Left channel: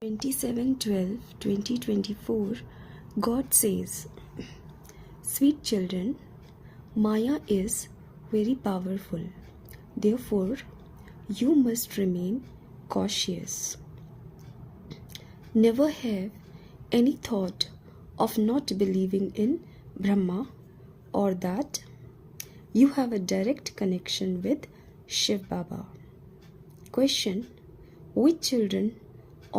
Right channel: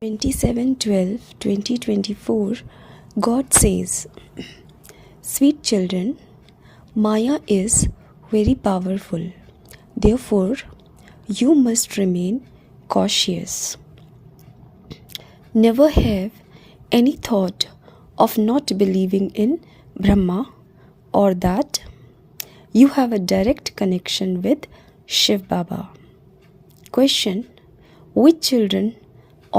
27/12/2024, God says, "Sweet children, Maya is very powerful. Therefore, you must remain cautious. Never have any thought of not believing in Brahma or that you have a direct connection with Shiv Baba." Question: which children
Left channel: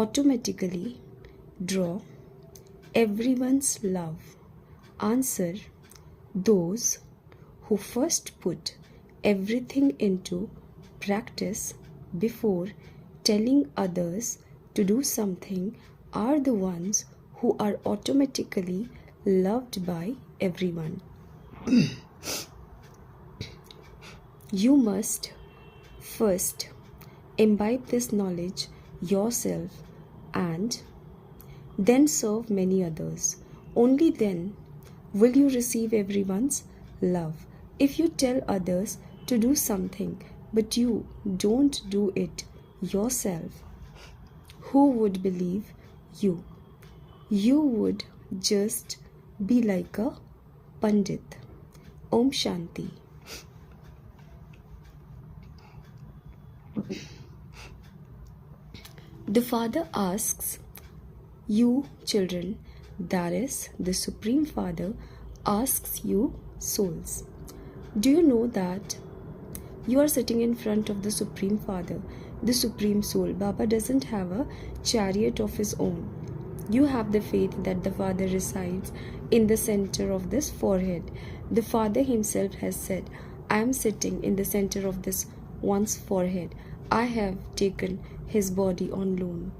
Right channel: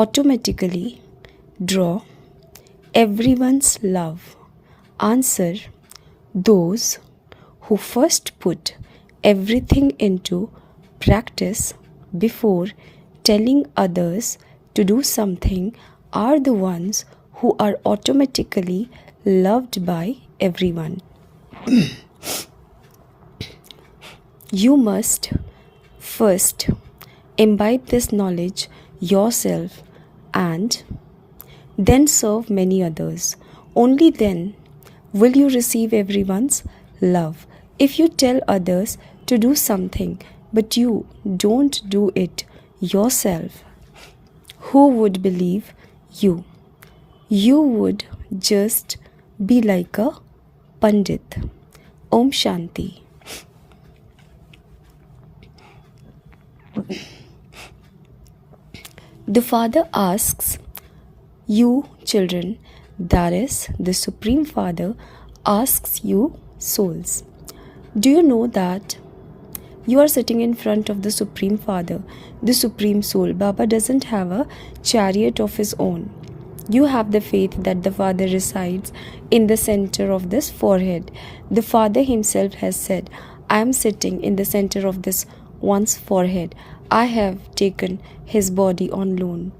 automatically draw everyone's love? Answer: those who first put everything into practice before telling others to do something are the ones who are automatically loved by everyone. You must first imbibe this knowledge yourself and then serve many others. Only then will you receive everyone's love. If you tell others to do something but you don't do it yourself, who would believe you? You would just be like a Pandit. Om Shanti. The Father asks you, children, that is, the Supreme Father asks you, souls. Do you know that you are sitting in front of the Supreme Father, the Supreme Soul? Baba doesn't have a chariot of his own. You have the faith that the Father resides in the center of this forehead. The Father himself has said, "I am sitting in the center of this one's forehead. I have taken his body on loan."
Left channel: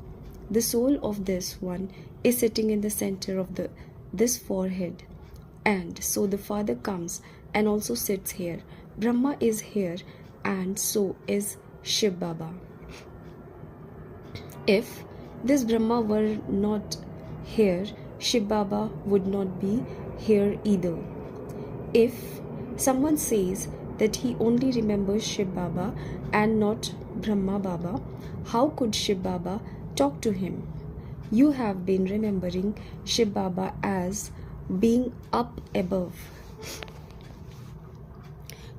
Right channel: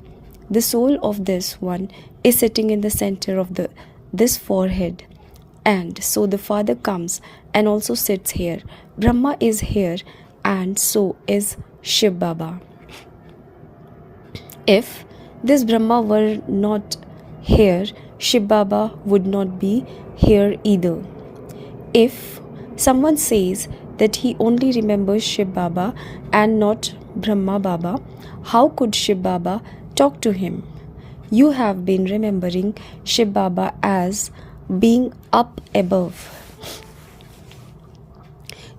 The soul of this one is sitting in the center of this forehead. And so the Father comes and also sits here. Brahma is here and so is Shiv Baba. If this Brahma were not here, Shiv Baba would not be here either. If someone says that he only remembers Shiv Baba and not Brahma Baba, how could Shiv Baba talk to him? You have been remembering Shiv Baba as being up above.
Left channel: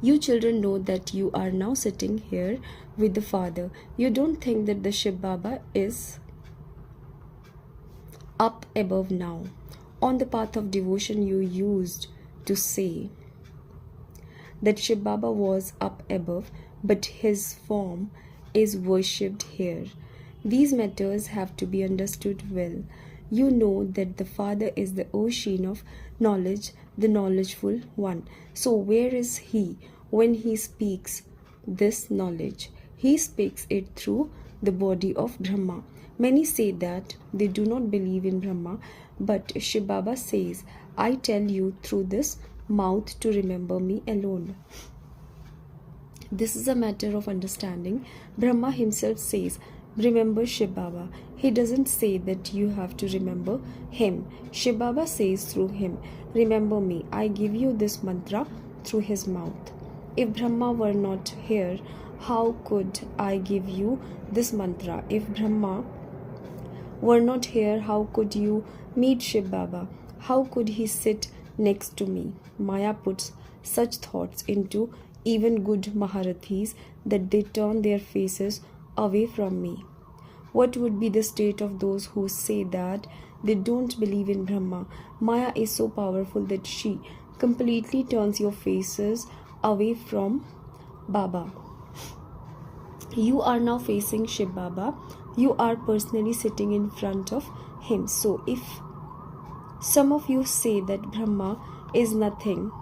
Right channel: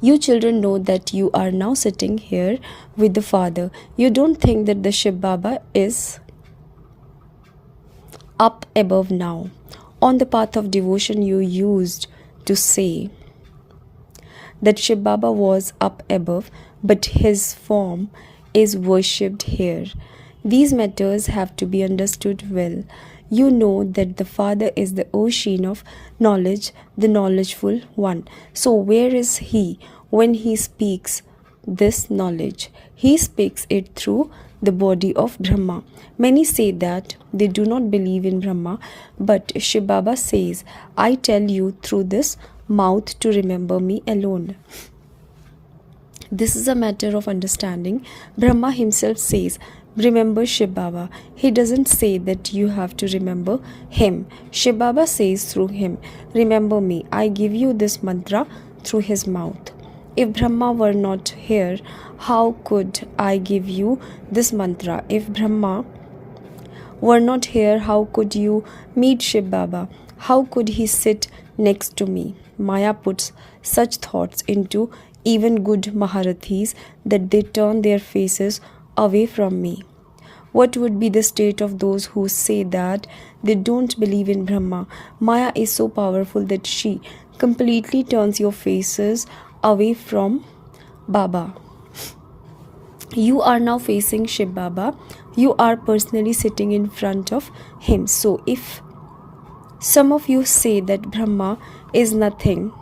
You children know that you are now sitting here with the Father. You don't think that the Shiv Baba is up above now. On the path of devotion, you used to say that Shiv Baba was up above, but his form is worshipped here. These matters have to be understood well. You know that the Father is the ocean of knowledge, the knowledgeful one. So where is he when he speaks this knowledge? He speaks it through the body of Brahma. Many say that they do not believe in Brahma, but Shiv Baba says, "I tell you through this mouth to remember me alone." This is a matter of understanding. Brahma himself says, "Remember Shiv Baba." He doesn't say that you have to remember him. Shiv Baba says through him, "Remember me." I give you this mantra through his mouth. If Brahma were not here, how could I give you this mantra? If Brahma were not here, how could you meet Shiv Baba? How could he sit next to me? Maya puts such thoughts into even good Maharathis that they turn their faces away from me. What would be the state of those who say that they don't believe in Brahma? Maya is so powerful that she completely turns your faces away from Baba. You are now facing Shiv Baba. You are personally sitting in front of him. So if some of you say that Brahma is nothing,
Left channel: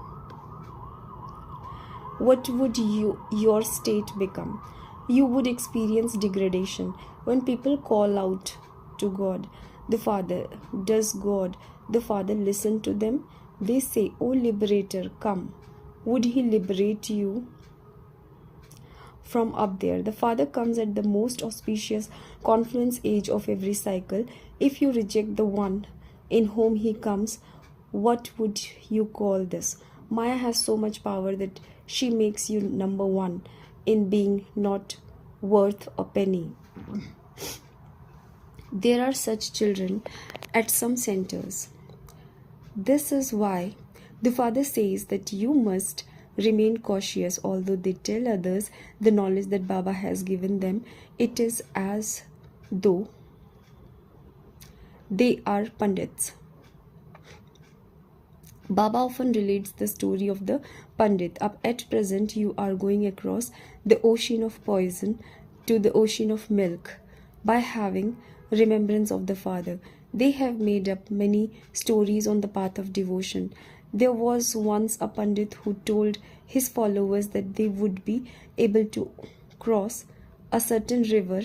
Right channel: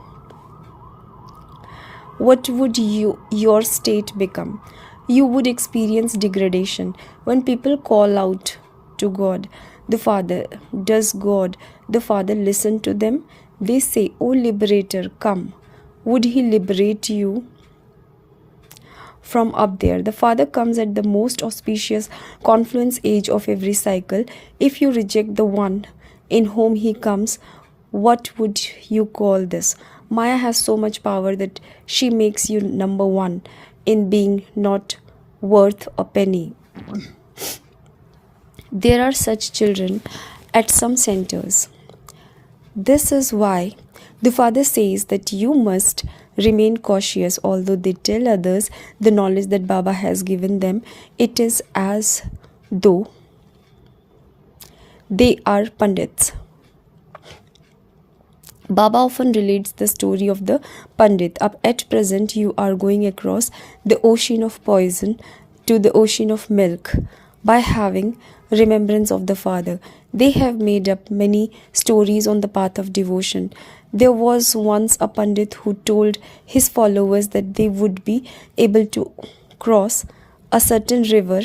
what would your state become? You would experience degradation. When people call out to God, the Father, does God, the Father, listen to them? They say, "Oh liberator, come." Would he liberate you from up there? The Father comes at the most auspicious confluence age of every cycle. If you reject the one in whom he comes, what would you call this? Maya has so much power that she makes you number one in being not worth a penny. There are such children at some centers. This is why the father says that you must remain cautious. Although they tell others the knowledge that Baba has given them, it is as though they are Pandits. Baba often relates the story of the Pandit. Up at present, you are going across the ocean of poison to the ocean of milk by having remembrance of the Father. They have made up many stories on the path of devotion. There was once a Pandit who told his followers that they would be able to cross a certain river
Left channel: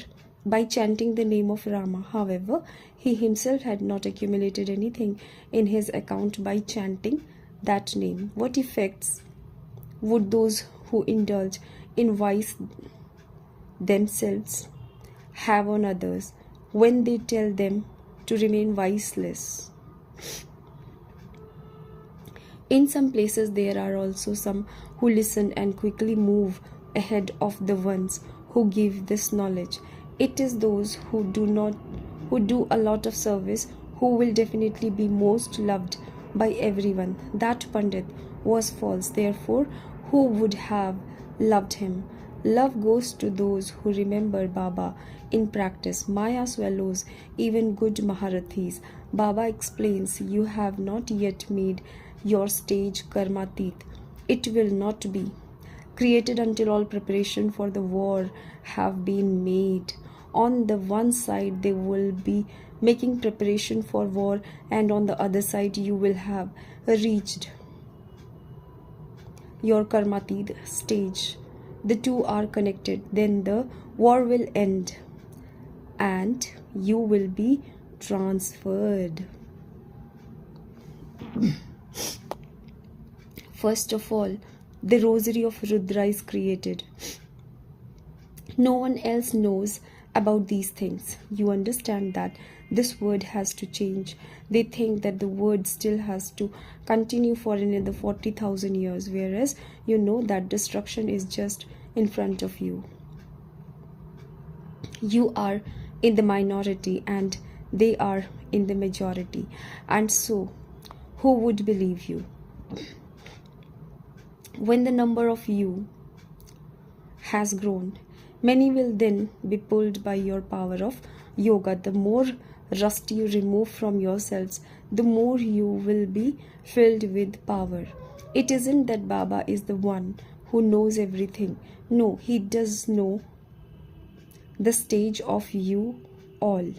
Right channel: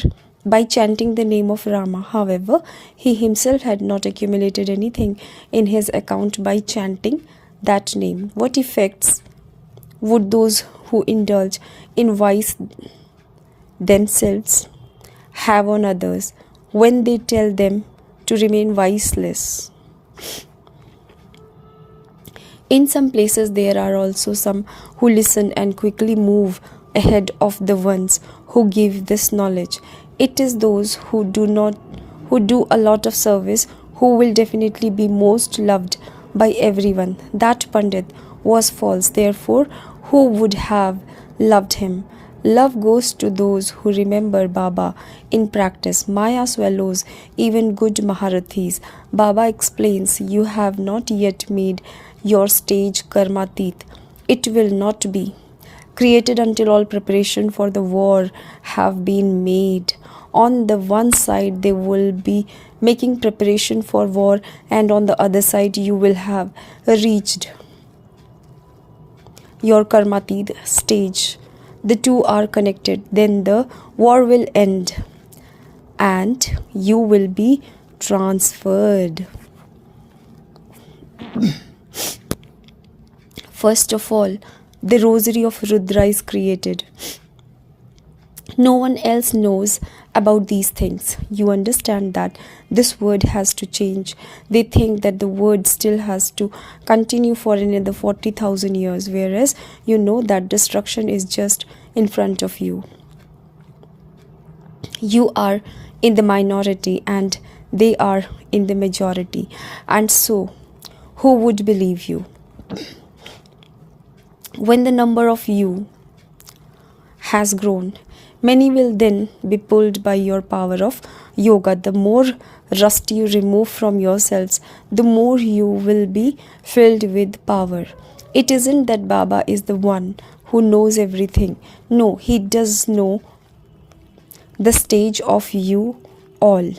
by chanting the name of Rama. However, he himself had not accumulated anything in his account by chanting that name. What effects would those who indulge in vice themselves have on others when they tell them to remain viceless? In some places, there are also some who listen and quickly move ahead of the ones who give this knowledge. It is those who do a lot of service who will definitely be most loved by everyone. That Pandit was false, therefore, who would have loved him? Love goes to those who remember Baba in practice. Maya swallows even good Maharathis. Baba explains, you have not yet made your stage karmatit. It will not be created until all preparation for the war have been made. On the one side, they will be making preparation for war, and on the other side, you will have reached your karmatit stage. The two are connected. Then the war will end and you will be transferred. First of all, the rosary of Rudra is created. No one else knows about these things. You understand that this word has to change. They think that the word still has to continue for another 40,000 years, whereas you know that destruction is just in front of you. You are in the minority and they are in the majority. And so, who would believe you? When the number of you has grown, many will then be pulled by your power of yoga. The more rust you remove from yourselves, the more you will be filled with power. It isn't that Baba is the one who knows everything. No, he does know the stage of you all.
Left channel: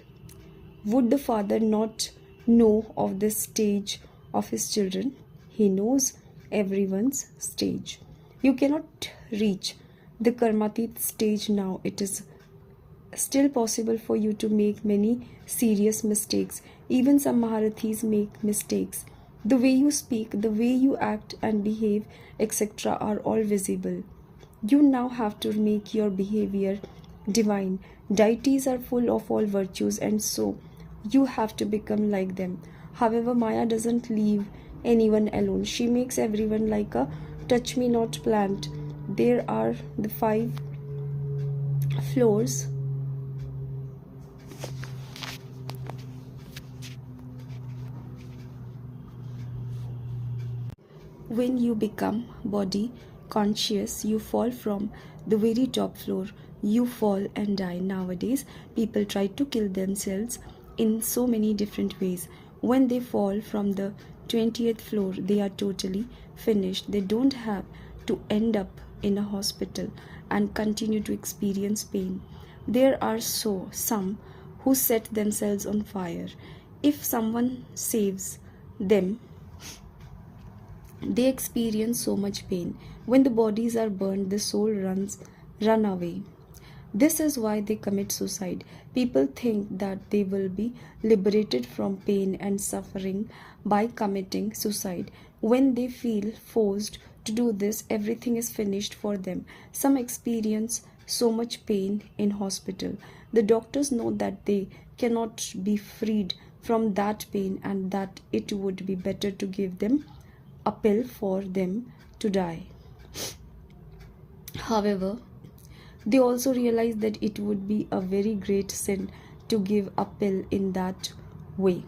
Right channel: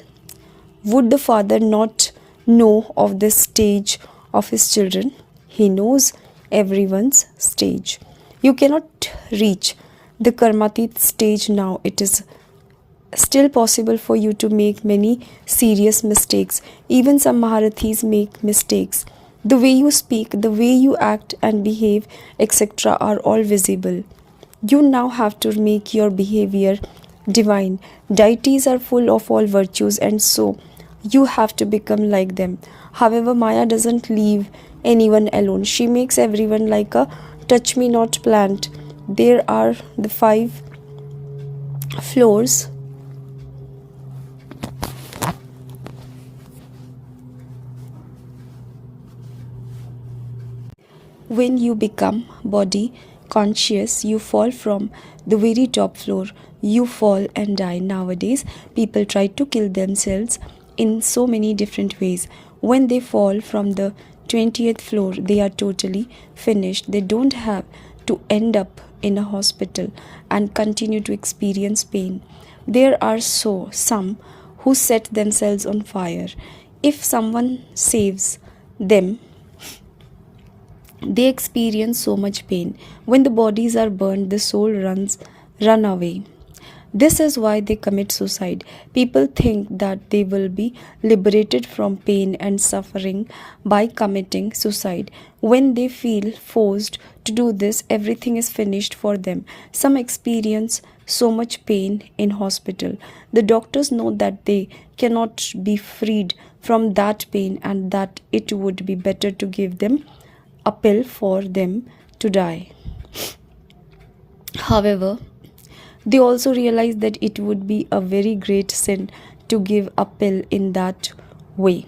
Would the Father not know of the stage of his children? He knows everyone's stage. You cannot reach the karmatit stage now. It is still possible for you to make many serious mistakes. Even some Maharathis make mistakes. The way you speak, the way you act and behave, etc. are all visible. You now have to make your behavior divine. Deities are full of all virtues, and so you have to become like them. However, Maya doesn't leave anyone alone. She makes everyone like a touch-me-not plant. There are the 5 floors when you become body conscious. You fall from the very top floor. You fall and die. Nowadays, people try to kill themselves in so many different ways. When they fall from the 20th floor, they are totally finished. They don't have to end up in a hospital and continue to experience pain. There are some who set themselves on fire. If someone saves them, they experience so much pain. When the bodies are burned, the soul run away. This is why they commit suicide. People think that they will be liberated from pain and suffering by committing suicide. When they feel forced to do this, everything is finished for them. Some experience so much pain in hospital. The doctors know that they cannot be freed from that pain and that it would be better to give them a pill for them to die. However, they also realize that it would be a very great sin to to give a pill in that way.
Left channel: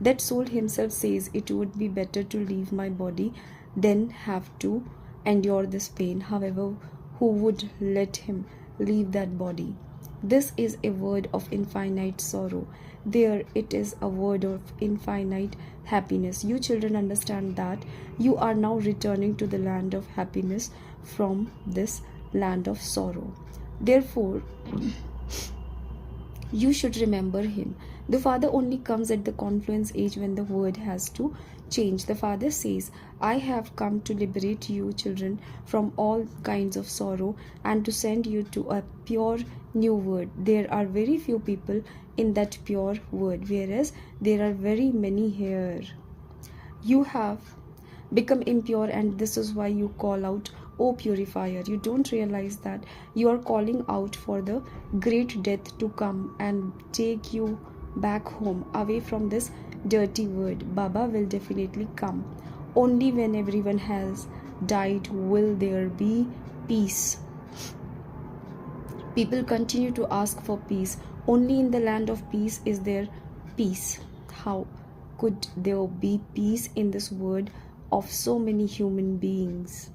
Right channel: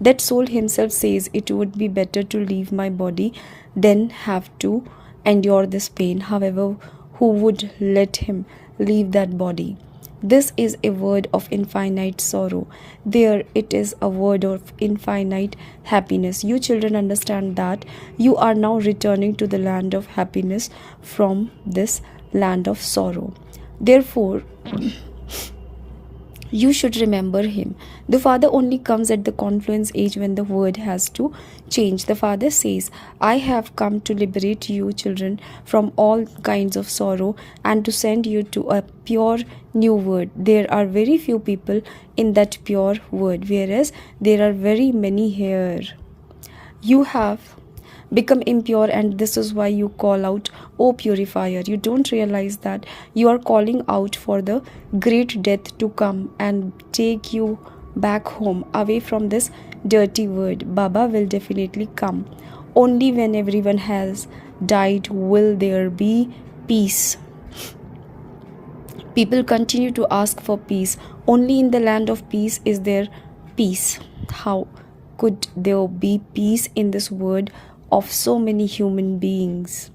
That soul himself says it would be better to leave my body than have to endure this pain. However, who would let him leave that body? This is a word of infinite sorrow. There it is a word of infinite happiness. You children understand that you are now returning to the land of happiness from this land of sorrow. Therefore, you should remember him. The Father only comes at the confluence age when the word has to change. The Father says, I have come to liberate you children from all kinds of sorrow and to send you to a pure new word. There are very few people in that pure word, whereas there are very many here. You have become impure, and this is why you call out, O purifier. You don't realize that you are calling out for the great death to come and take you back home, away from this dirty word. Baba will definitely come. Only when everyone has died will there be peace. People continue to ask for peace. Only in the land of peace is there peace. How could there be peace in this world of so many human beings?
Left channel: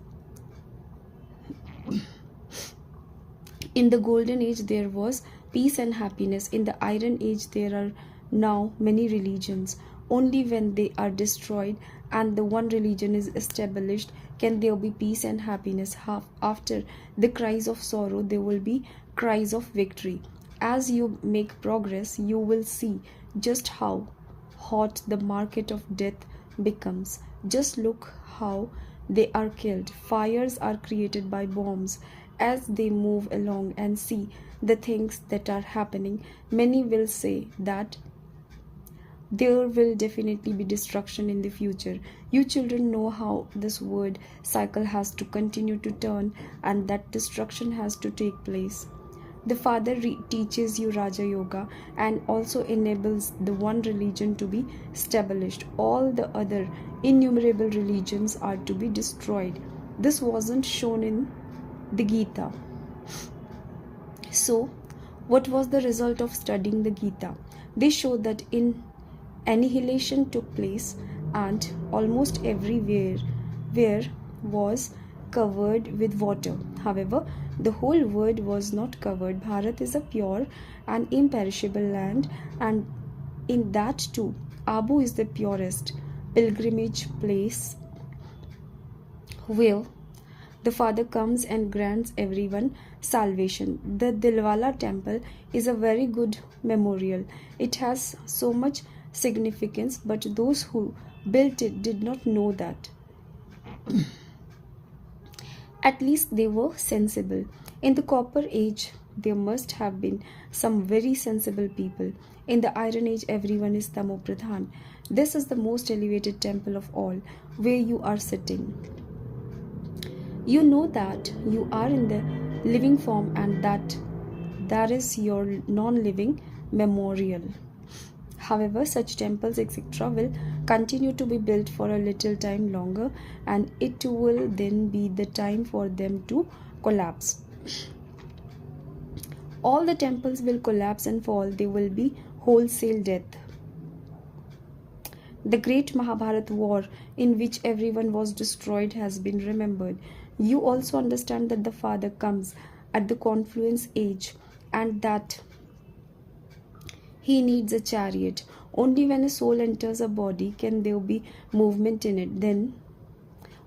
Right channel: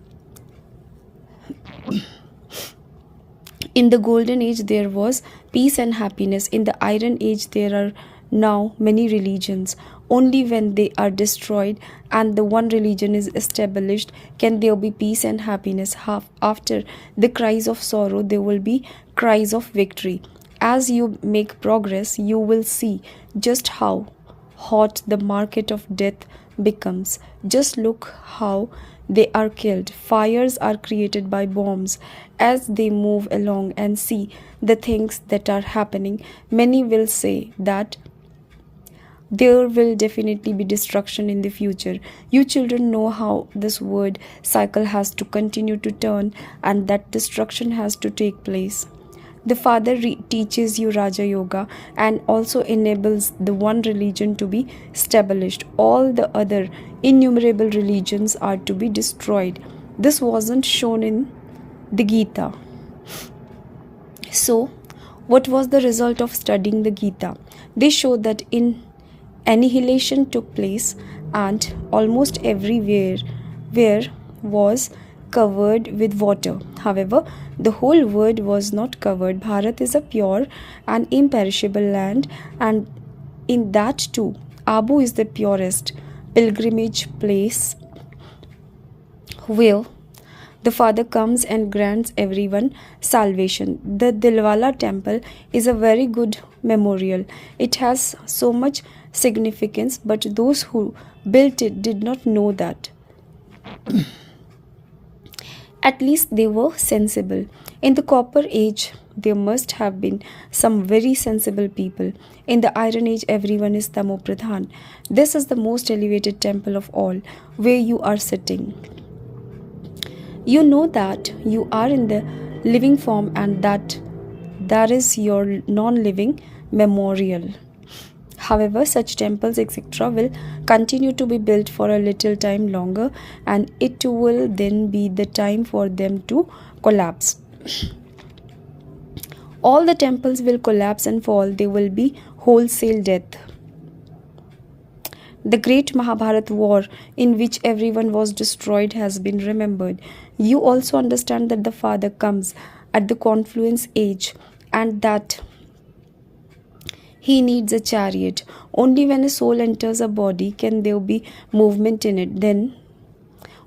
In the golden age there was peace and happiness. In the iron age there are now many religions. Only when they are destroyed and the one religion is established can there be peace and happiness. After the cries of sorrow there will be cries of victory. As you make progress, you will see just how hot the market of death becomes. Just look how they are killed. Fires are created by bombs. As they move along and see the things that are happening, many will say that there will definitely be destruction in the future. You children know how this word cycle has to continue to turn and that destruction has to take place. The Father teaches you Raja Yoga and also enables the one religion to be established. All the other innumerable religions are to be destroyed. This wasn't shown in the Gita. So, what was the result of studying the Gita? They showed that annihilation took place and almost everywhere was covered with water. However, the whole world was not covered. Bharat is a pure and imperishable land, and in that too, Abu is the purest pilgrimage place where the Father comes and grants everyone salvation. The Dilwala temple is a very good memorial. It has so much significance, but those who built it did not know that. At least they were sensible. In the Copper Age, there must have been some very sensible people. In the Iron Age, everyone is Tamo Pradhan. This is the most elevated temple of all, where you are sitting. You know that you are in the living form and that is your non-living memorial. However, such temples etc. will continue to be built for a little time longer, and it will then be the time for them to collapse. All the temples will collapse and fall. There will be wholesale death. The great Mahabharat war in which everyone was destroyed has been remembered. You also understand that the Father comes at the confluence age and that he needs a chariot. Only when a soul enters a body can there be movement in it. Then,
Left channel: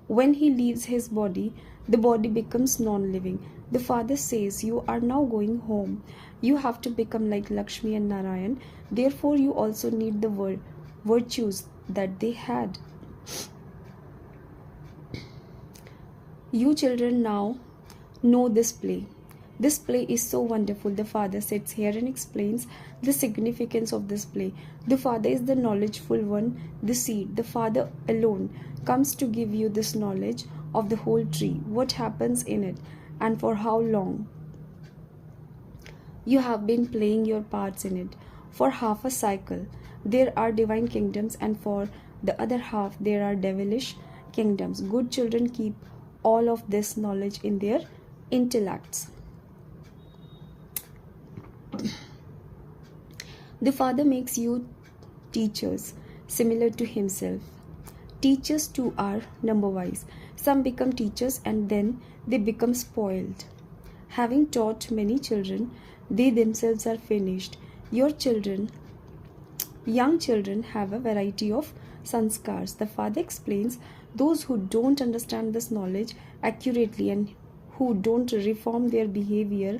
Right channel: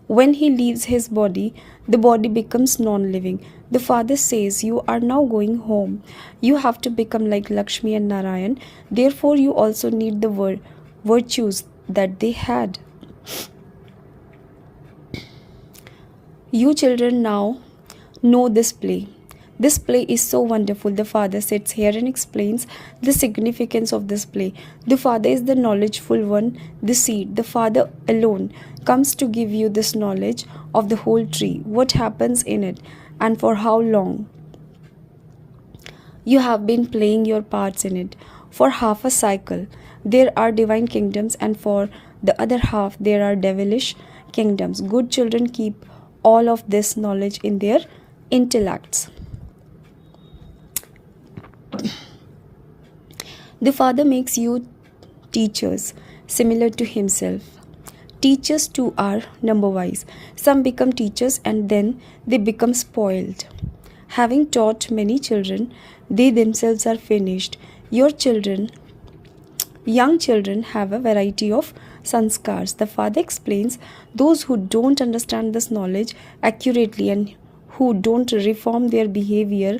when he leaves his body, the body becomes non-living. The Father says, you are now going home. You have to become like Lakshmi and Narayan. Therefore, you also need the virtues that they had. You children now know this play. This play is so wonderful. The Father sits here and explains the significance of this play. The Father is the knowledgeful one, the seed. The Father alone comes to give you this knowledge of the whole tree, what happens in it, and for how long. You have been playing your parts in it. For half a cycle, there are divine kingdoms, and for the other half, there are devilish kingdoms. Good children keep all of this knowledge in their intellects. The Father makes you teachers, similar to Himself. Teachers too are number wise. Some become teachers and then they become spoiled. Having taught many children, they themselves are finished. Your children, young children, have a variety of sanskars. The Father explains those who don't understand this knowledge accurately and who don't reform their behavior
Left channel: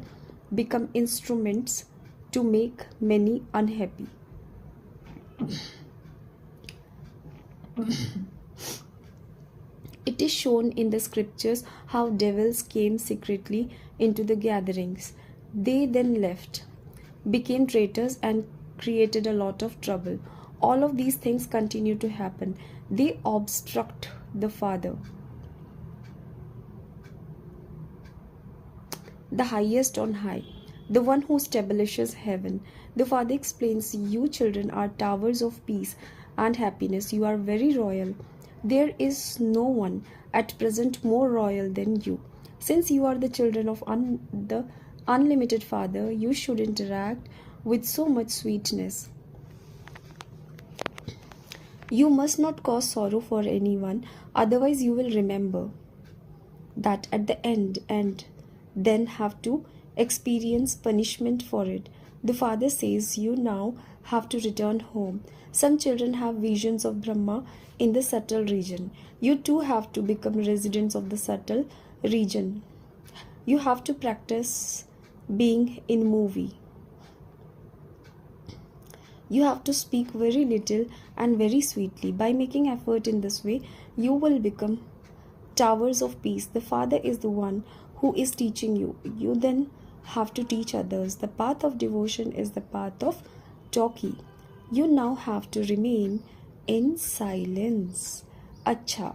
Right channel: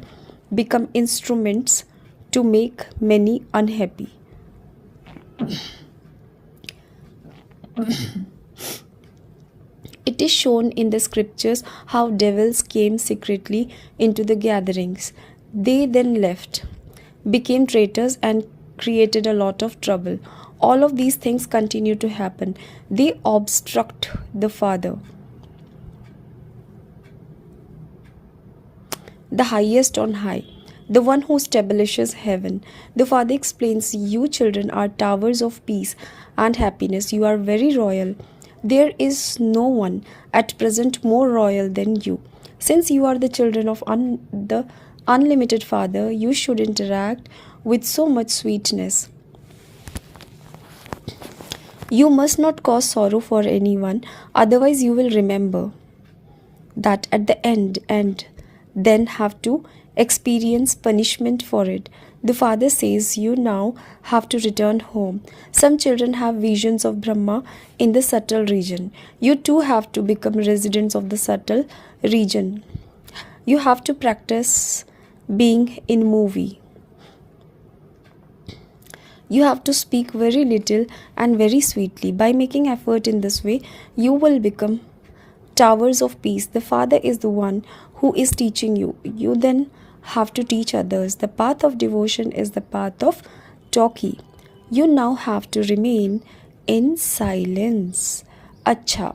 become instruments to make many unhappy. It is shown in the scriptures how devils came secretly into the gatherings. They then left, became traitors, and created a lot of trouble. All of these things continue to happen. They obstruct the Father, the highest on high, the one who establishes heaven. The Father explains, you children are towers of peace and happiness. You are very royal. There is no one at present more royal than you. Since you are the children of the unlimited Father, you should interact with so much sweetness. You must not cause sorrow for anyone, otherwise you will remember that at the end and then have to experience punishment for it. The Father says you now have to return home. Some children have visions of Brahma in the subtle region. You too have to become residents of the subtle region. You have to practice being in movie. You have to speak very little and very sweetly. By making effort in this way, you will become towers of peace. The Father is the one who is teaching you. You then have to teach others. The path of devotion is the path of talkie. You now have to remain in silence. Acha.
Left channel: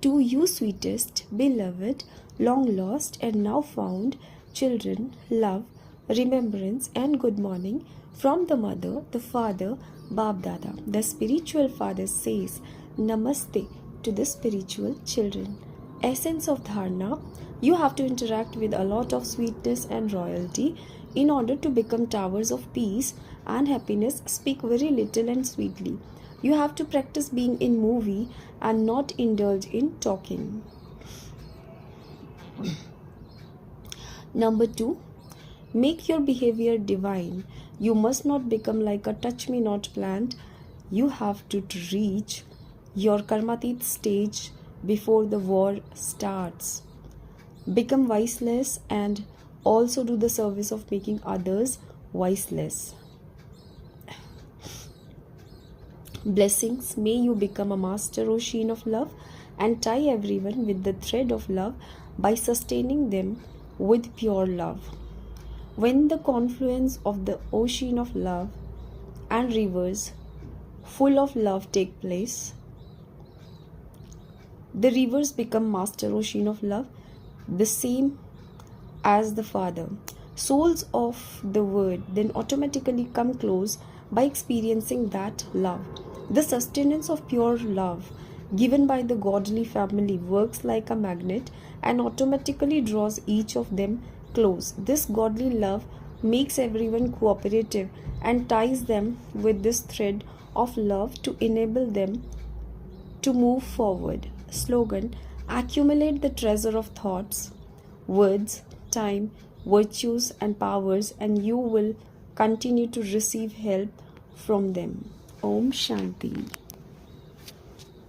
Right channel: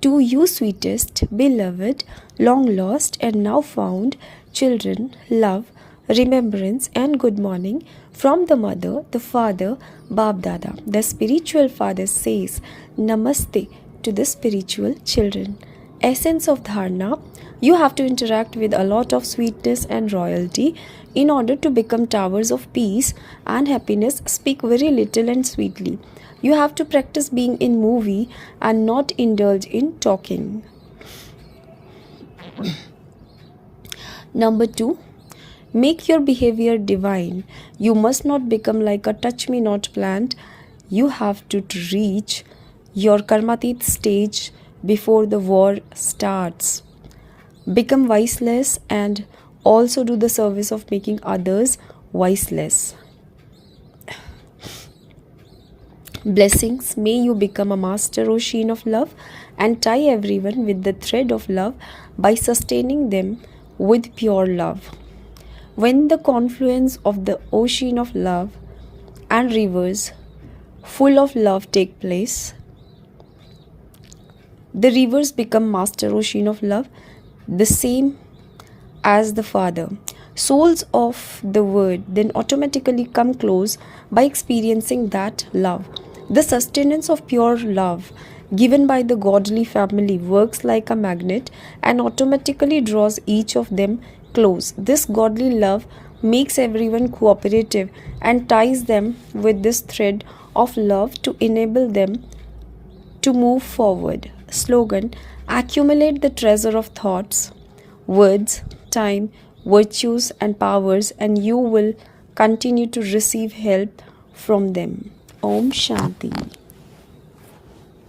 To you, sweetest, beloved, long lost and now found children, love, remembrance and good morning from the mother, the father, Bab Dada. The spiritual father says Namaste to the spiritual children. Essence of Dharna. You have to interact with a lot of sweetness and royalty in order to become towers of peace and happiness. Speak very little and sweetly. You have to practice being in movie and not indulge in talking. Number 2. Make your behavior divine. You must not become like a touch-me-not plant. You have to reach your karmatit stage before the war starts. Become viceless and also do the service of making others viceless. Blessings. May you become a master ocean of love and tie everyone with the thread of love by sustaining them with pure love. When the confluence of the ocean of love and rivers full of love take place, the rivers become master ocean of love, the same as the Father. Souls of the Word then automatically come close by experiencing that love. The sustenance of pure love given by the godly family works like a magnet and automatically draws each of them close. This godly love makes everyone cooperative and ties them with this thread of love to enable them to move forward. Slogan: accumulate the treasure of thoughts, words, time, virtues and powers, and you will continue to receive help from them. Om Shanti.